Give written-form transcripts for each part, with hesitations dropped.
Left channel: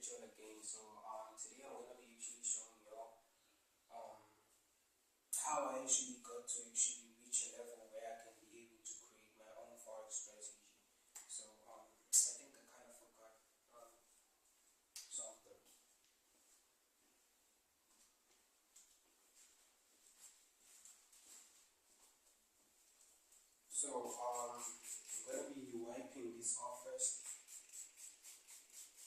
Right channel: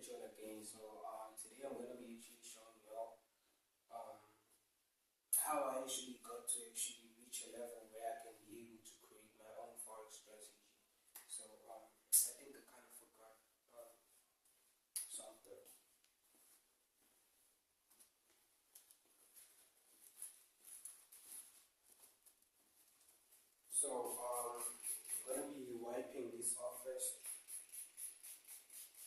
at you all again. So today I'm going to be actually showing you all how I actually got to actually reach a level where I can be able to create my own forex strategy. So I think I kind of forgot something. So I'm going to be wiping this off first,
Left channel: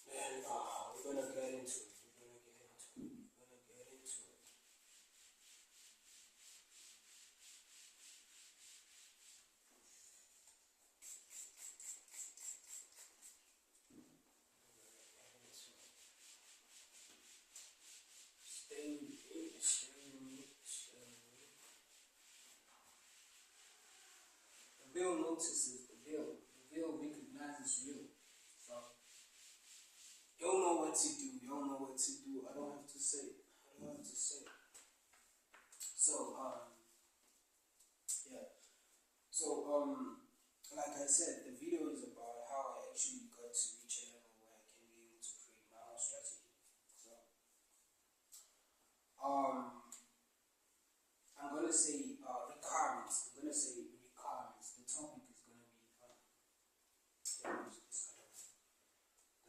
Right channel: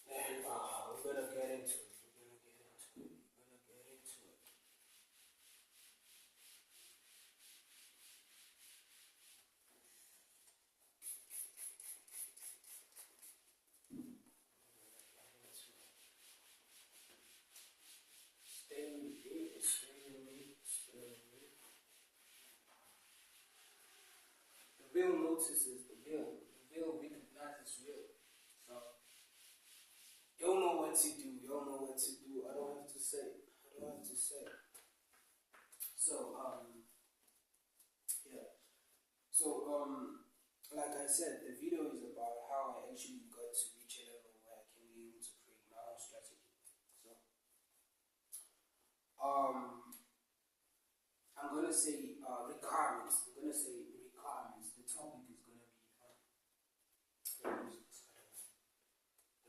and we're going to get into it. The real notices the real. The real recognizes real. So you don't know what to do. You don't know what to do. I don't have to say. So yeah. So like I said, the video is about how I actually got to reach a level where I can be able to create my own strategy. So I'm gonna say requirements. The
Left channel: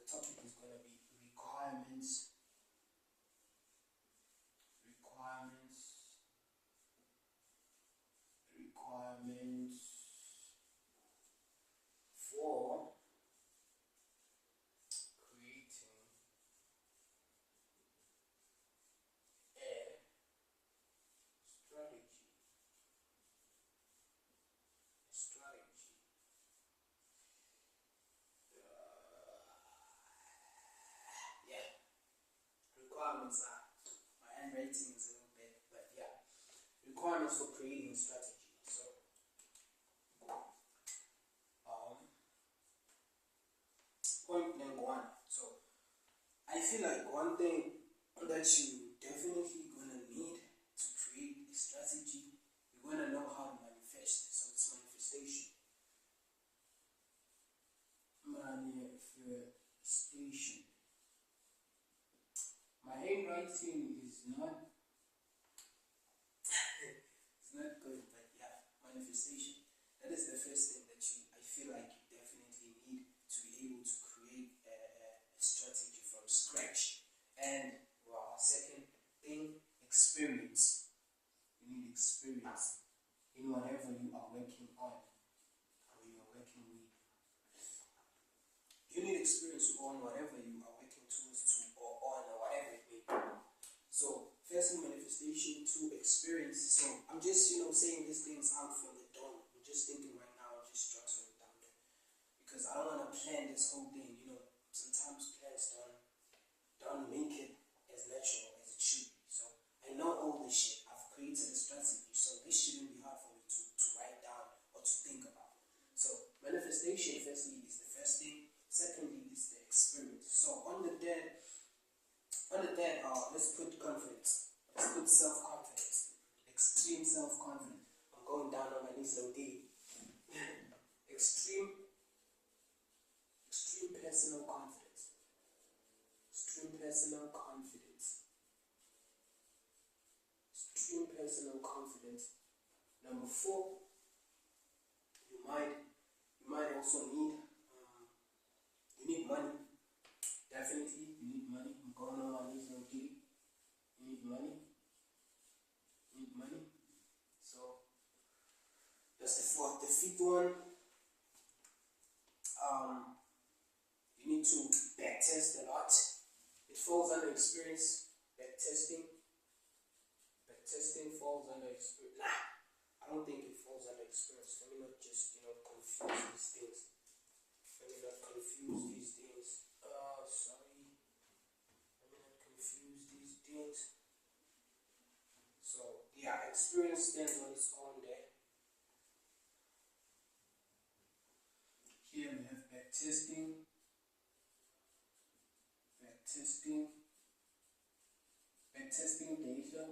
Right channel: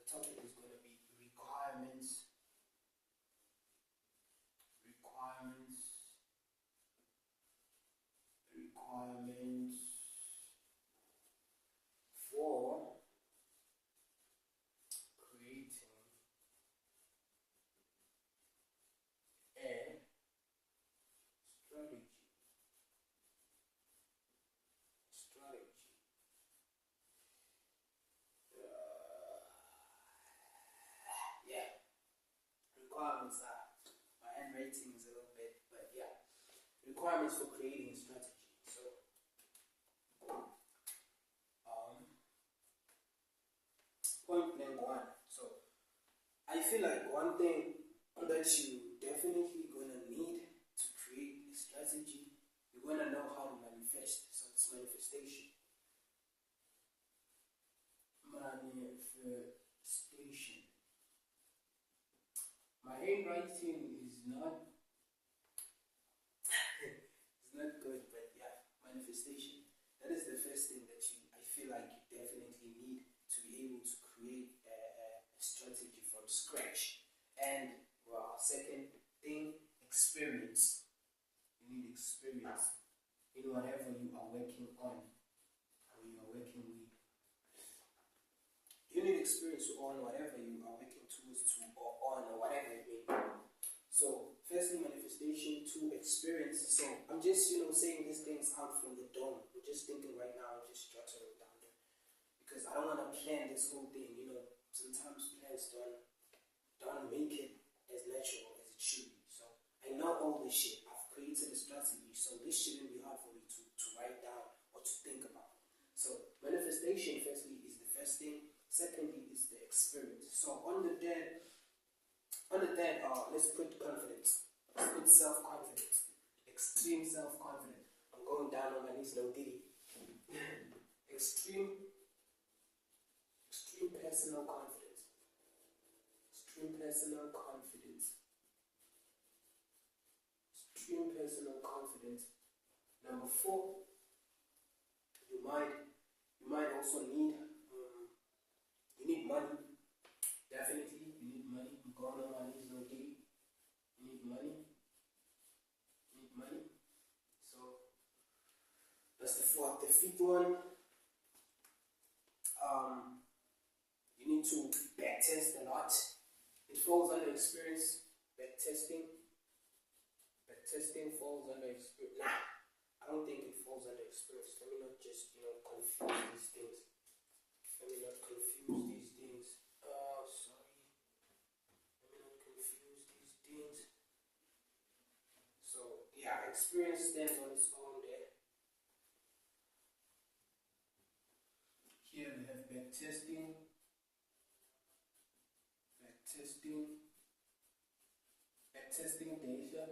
topic is gonna be requirements for creating a strategy. Yeah, requirements are, my handwriting is a little bit, but yeah, requirements for creating a strategy. So point blank one. So I feel like one thing that you definitely gonna need to create a strategy, you're gonna know how to manifest. So it's manifestation. My handwriting is not it's not good, but yeah, manifestation. That is the first thing that I feel like you definitely need to be able to create a strategy from scratch. And second thing, experience. You need experience in whatever you are working on or you are working with. You need experience on whatever you are working towards to or on or whatever it may be. So firstly, manifestation. Two, experience. So I'm just saying these things out from the dome. I'm just thinking right now, I'm just jotting it down there because I don't want to plan this whole thing. Sometimes plans don't make it as natural as it should be. So I know all this shit. I've created a strategy, so this shouldn't be hard for me to write down or to think about. So manifestation, firstly, is the first thing. Secondly, is the experience. So on the dead, let's put confidence. Let's put self-confidence. Extreme self-confidence. I'm going down on my knees, no D. Extreme personal confidence. Extreme personal confidence. Number 4, you might also need money. Definitely, you need money. I'm going on my knees, no D. You need money. So that's the 4th. The 5th one, you need to backtest a lot. It falls under experience. Backtesting falls under experience. Nah, I don't think it falls under experience. Let me not just confuse these things. Sorry. Let me not confuse these things. So yeah, experience stands on its own there. Here we have backtesting data.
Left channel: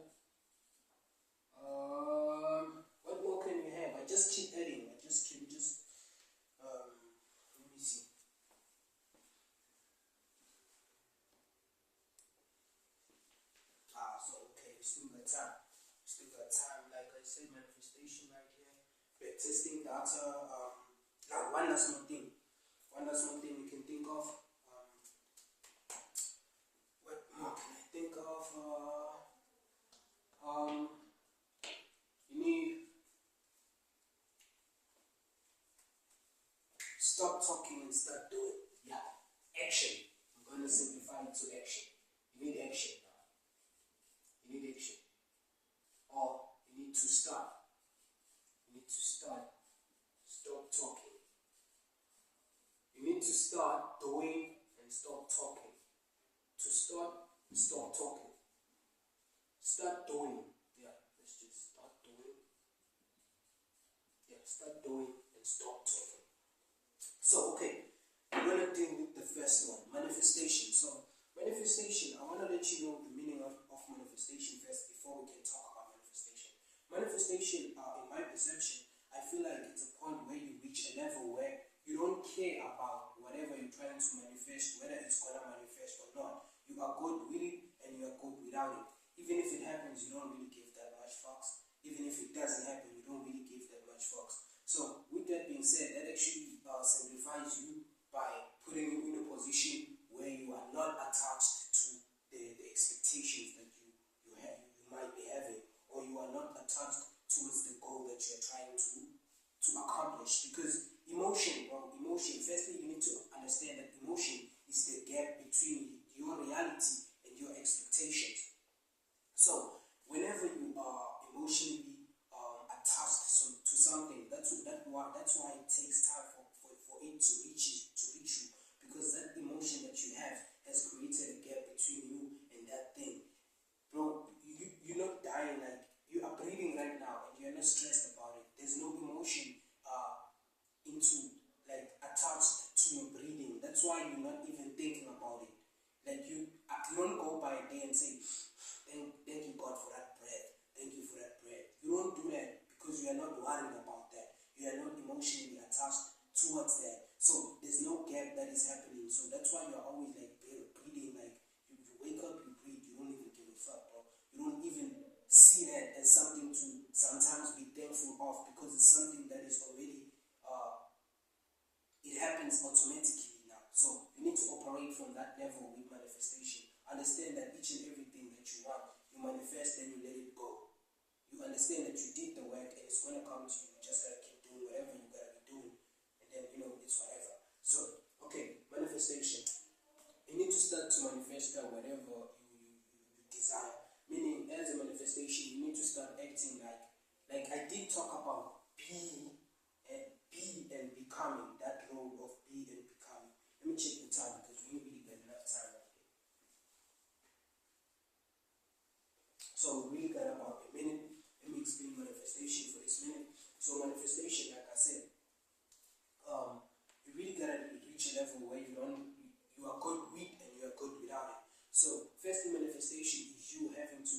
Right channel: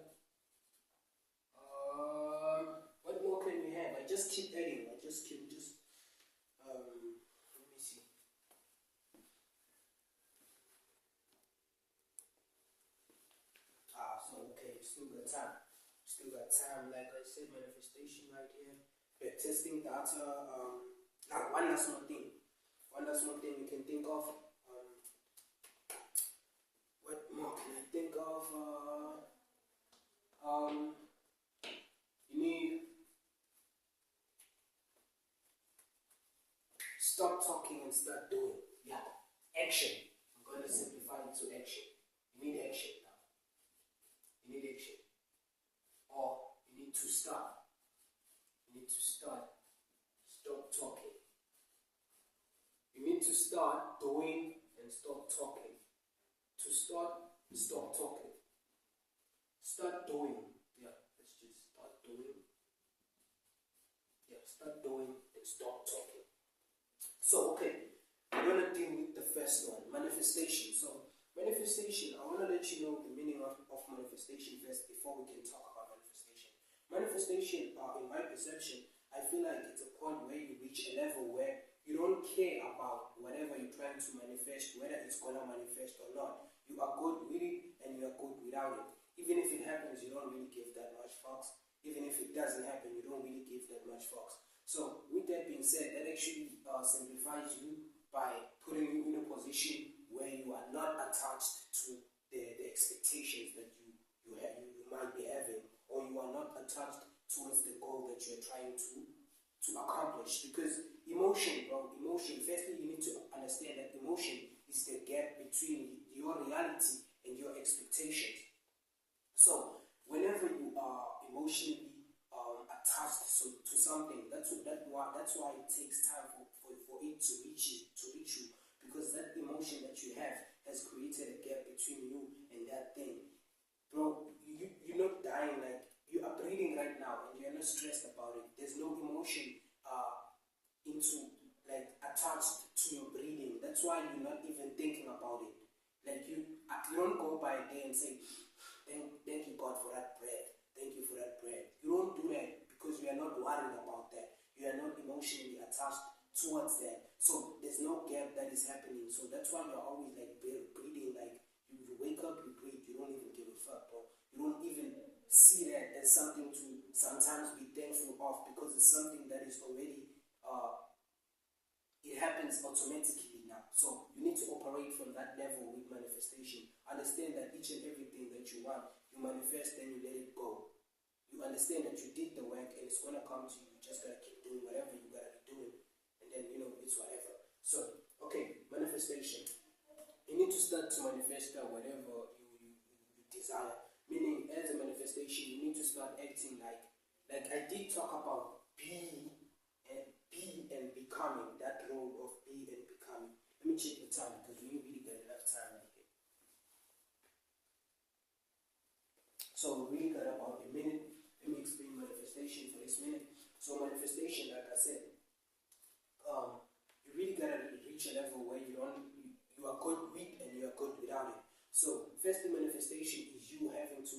What more can you have? I just keep adding. Let me see. still got time. Still got time. Like I said, manifestation right here. Testing data. Now one last more thing. One last more thing we can think of. What more can I think of? You need stop talking and start doing. Yeah, action. I'm going to simplify it to action. You need action now. You need action. Or you need to start. You need to start. Stop talking. You need to start doing and stop talking. To start, stop talking. Start doing. Yeah, let's just start doing. Yeah, start doing and stop talking. So, okay, we're going to deal with the first one, manifestation. So, manifestation, I want to let you know the meaning of manifestation first before we can talk about manifestation. Manifestation, in my perception, I feel like it's a point where you reach a level where you don't care about whatever you're trying to manifest, whether it's going to manifest or not. You are good with it and you are good without it. Even if it happens, you don't really give that much fucks. Even if it doesn't happen, you don't really give that much fucks. So, with that being said, that actually simplifies you by putting you in a position where you are not attached to the expectations that you might be having, or you are not attached towards the goal that you're trying to accomplish. Because emotion, firstly you need to understand that emotion is the gap between your reality and your expectations. So whenever you are emotionally attached to something, that's why it takes time for it to reach you, because that emotion that you have has created a gap between you and that thing. Bro, you're not dying, like you are breathing right now and you're not stressed about it. There's no emotion attached to your breathing. That's why you're not even thinking about it. Like you don't go by a day and say, thank you God for that breath. Thank you for that breath. You don't do that because you are not worried about that. You are not emotionally attached towards that. So there's no gap that is happening. So that's why you're always like breathing. Like you wake up, you breathe. You don't even give a fuck, bro. You don't even see that as something to sometimes be thankful of, because it's something that is already it happens automatically now. So you need to operate from that level with manifestation. Understand that each and everything that you want, you manifest, then you let it go. You understand that you did the work and it's gonna come to you. You just gotta keep doing whatever you gotta be doing, and then it's whatever. So okay, manifestation. You need to start to manifest whatever you desire. Meaning, as a manifestation, you need to start acting like I did talk about be and becoming, that role of be and becoming. Let me check the time because we really got enough time right here. So we really got about a minute. Let me explain manifestation for this minute. So manifestation, like I said, you really gotta reach a level where you are good with and you are good without it. So first, manifestation is you having to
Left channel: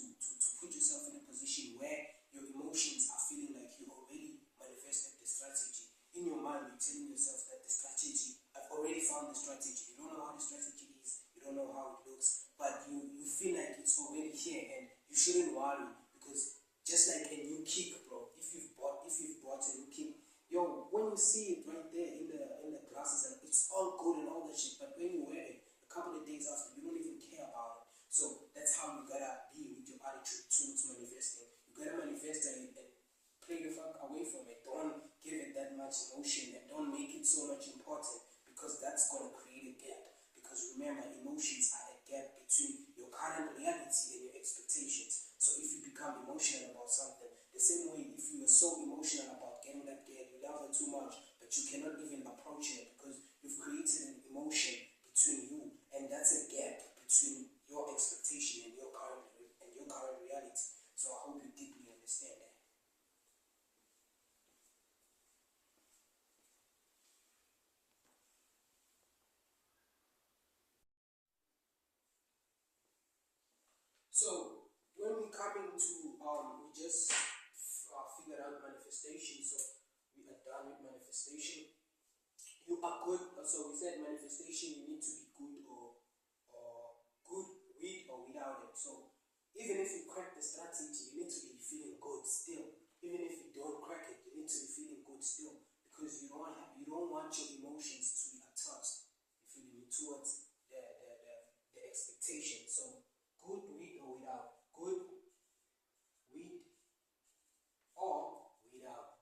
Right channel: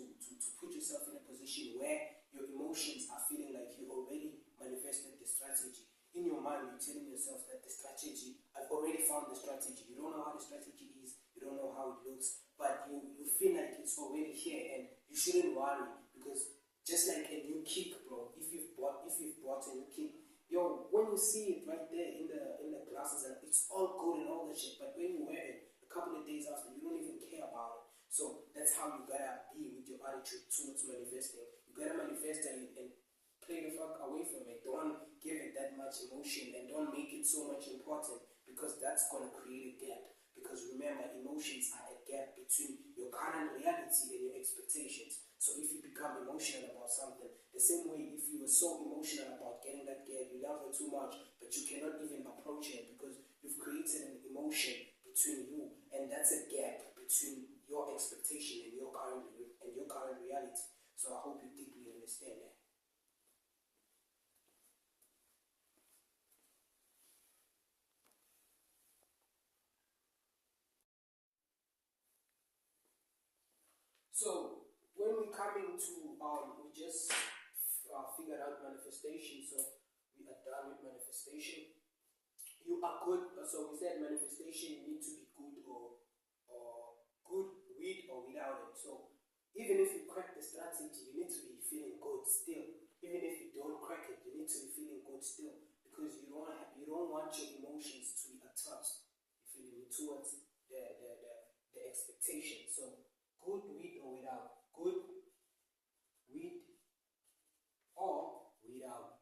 put yourself in a position where your emotions are feeling like you already manifested the strategy. In your mind, you're telling yourself that the strategy, I've already found the strategy. You don't know how the strategy is, you don't know how it looks, but you feel like it's already here, and you shouldn't worry, because just like a new kick, bro, if you've bought a new kick, when you see it right there in the glasses, and it's all good and all that shit, but when you wear it a couple of days after, you don't even care about it. So that's how you gotta be with your attitude towards manifesting. You gotta manifest and play the fuck away from it. Don't give it that much emotion, and don't make it so much important, because that's gonna create a gap. Because remember, emotions are a gap between your current reality and your expectations. So if you become emotional about something, the same way if you were so emotional about getting that girl, you love her too much, but you cannot even approach her because you've created an emotion between you, and that's a gap between your expectation and your current reality. So I hope you deeply understand that. So when we come into we just figured out manifestation. So we are done with manifestation. You are good. So we said manifestation, you need to be good or good with or without it. So Even if you crack the strategy, you need to be feeling good still. Even if you don't crack it, you need to be feeling good still, because you don't want your emotions to be attached, you feel me, towards the expectation. So good with or without, good with or without.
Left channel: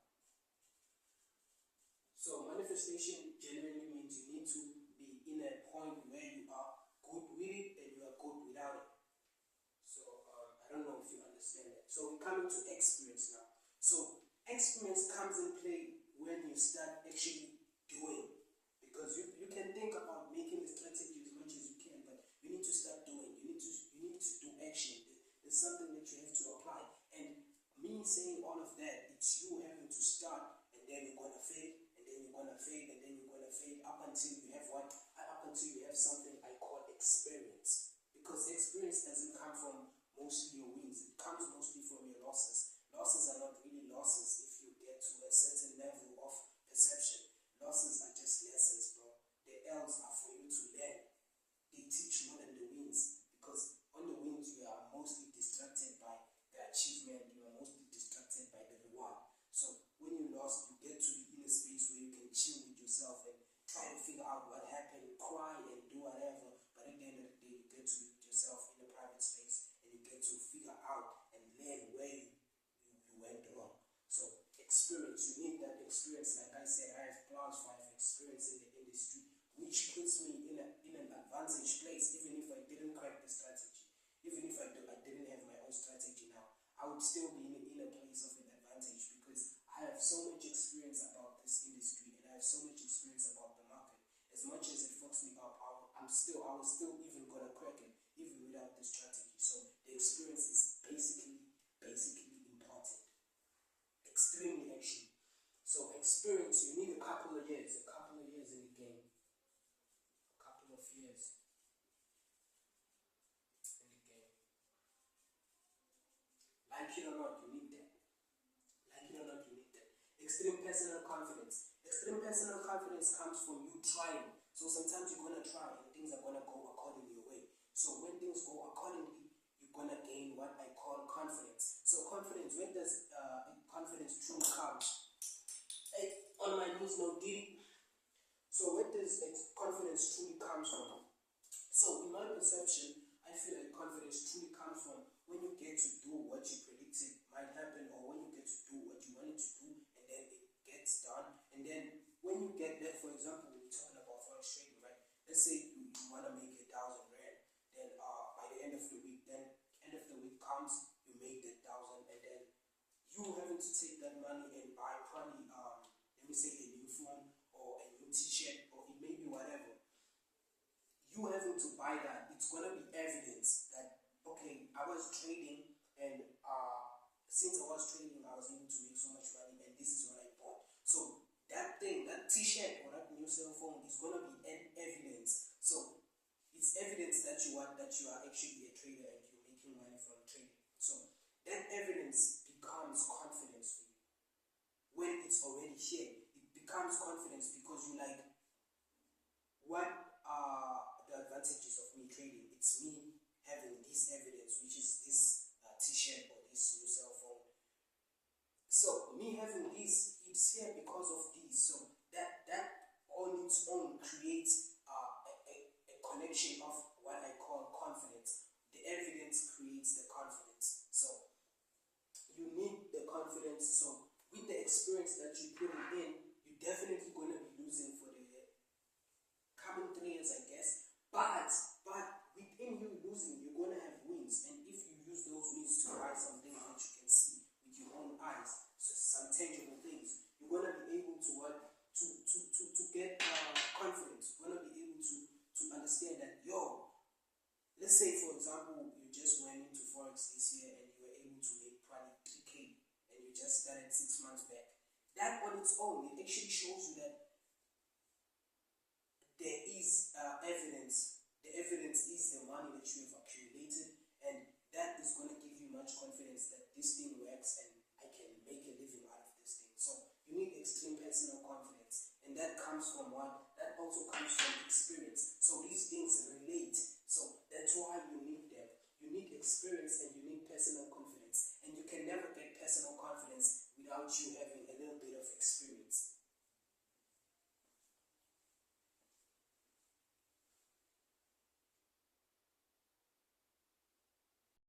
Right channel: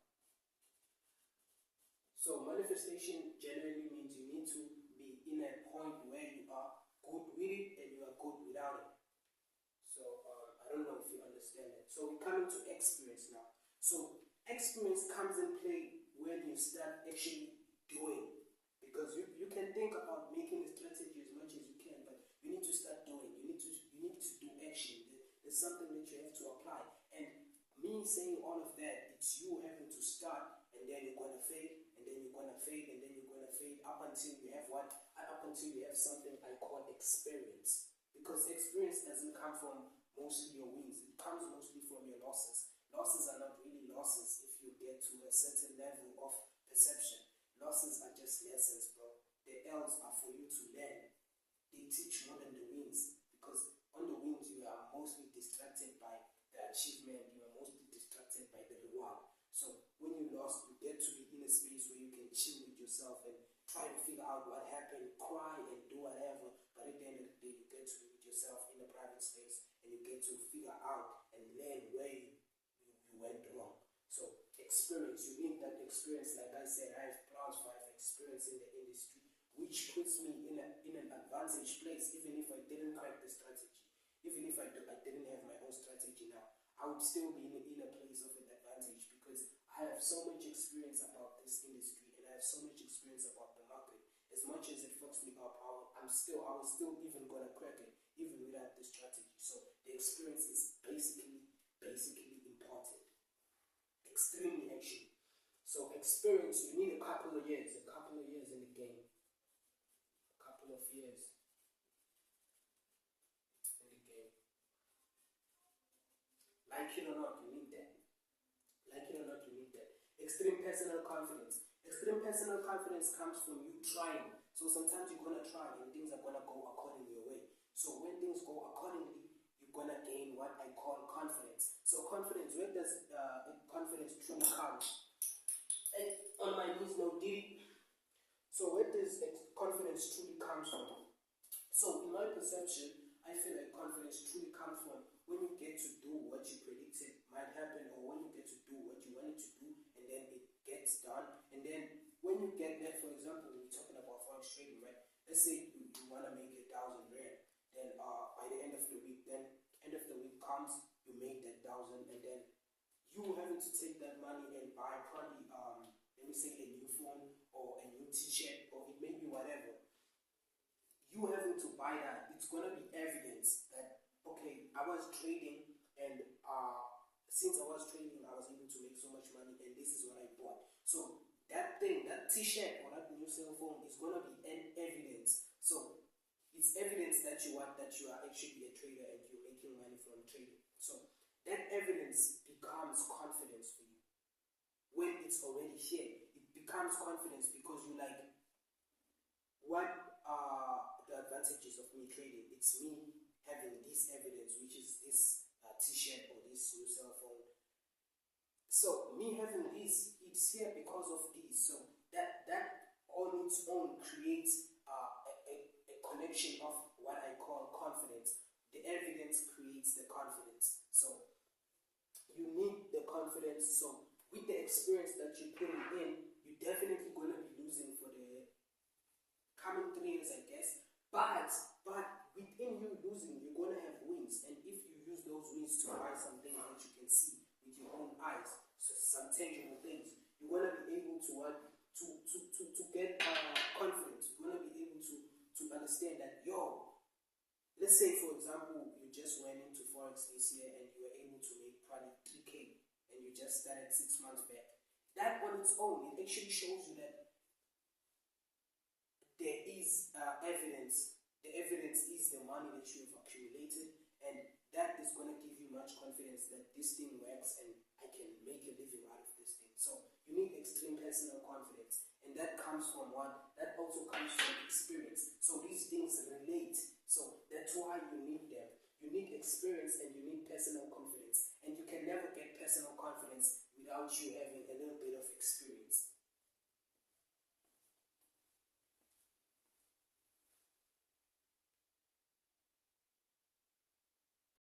So manifestation generally means you need to be in a point where you are good with it and you are good without it. So I don't know if you understand that. So we're coming to experience now. So experience comes in play when you start actually doing. Because you can think about making a strategy as much as you can, but you need to start doing. You need to do action. There's something that you have to apply. And me saying all of that, it's you having to start, and then you're gonna fail, and then you're gonna fail, and then you're gonna fail up until you have what? Up until you have something I call experience. Because experience doesn't come from mostly your wins, it comes mostly from your losses. Losses are not really losses if you get to a certain level of perception. Losses are just lessons, bro. The L's are for you to learn. They teach more than the wins, because on the wins you are mostly distracted by the achievement, you are mostly distracted by the reward. So when you lost, you get to be in a space where you can chill with yourself and try to figure out what happened, cry and do whatever, but at the end of the day you get to be with yourself in a private space and you get to figure out and learn where you went wrong. So experience, you need that experience. Like I said, I have plus 5 experience in the industry, which puts me in an advantage place. Even if I didn't crack the strategy, even if I didn't have my own strategy now, I would still be in a place of an advantage, because I have so much experience about this industry and I have so much experience about the market. As much as it fucks me up, I was still even gonna crack it even without the strategy. So the experience is basically important. Extremely actually. So experience, you need a couple of years in the game. A couple of years in the game. Like it or not, you need that. Like it or not, you need that. Extreme personal confidence. Extreme personal confidence comes from you trying. So sometimes you're gonna try and things are gonna go according your way. So when things go accordingly, you're gonna gain what I call confidence. So confidence, where does confidence truly come? On my knees, no diddy. So where does confidence truly come from? So in my perception, I feel like confidence truly comes from when you get to do what you predicted might happen, or when you get to do what you wanted to do and then it gets done. And then when you get that, for example, we're talking about forex trading, right? Let's say you want to make 1,000 rand. Then by the end of the week, comes, you make that 1,000, and then you having to take that money and buy probably let me say a new phone or a new t-shirt, or it may be whatever. You having to buy that, it's gonna be evidence that okay, I was trading, and since I was trading, I was able to make so much money, and this is what I bought. So that thing, that t-shirt or that new cell phone is gonna be an evidence. So it's evidence that you are actually a trader and you're making money from trading. So that evidence becomes confidence for you. When it's already here, it becomes confidence, because you like, what are the advantages of me trading? It's me having this evidence, which is this t-shirt or this new cell phone. So me having this, it's here because of this. So that on its own creates a connection of what I call confidence. The evidence creates the confidence. So you need the confidence. So with the experience that you're putting in, you're definitely going to be losing for the coming 3 years, I guess. But within you losing, you're going to have wins. And if you use those wins to buy something that you can see with your own eyes, so some tangible things, you're going to be able to get confidence. You're going to be able to understand that, let's say for example, you just went into Forex this year and you were able to make probably 3K, and you just started 6 months back. That on its own, it actually shows you that there is evidence. The evidence is the money that you have accumulated, and that is going to give you much confidence that this thing works and I can make a living out of this thing. So you need extreme personal confidence, and that comes from what? That also comes from experience. So these things relate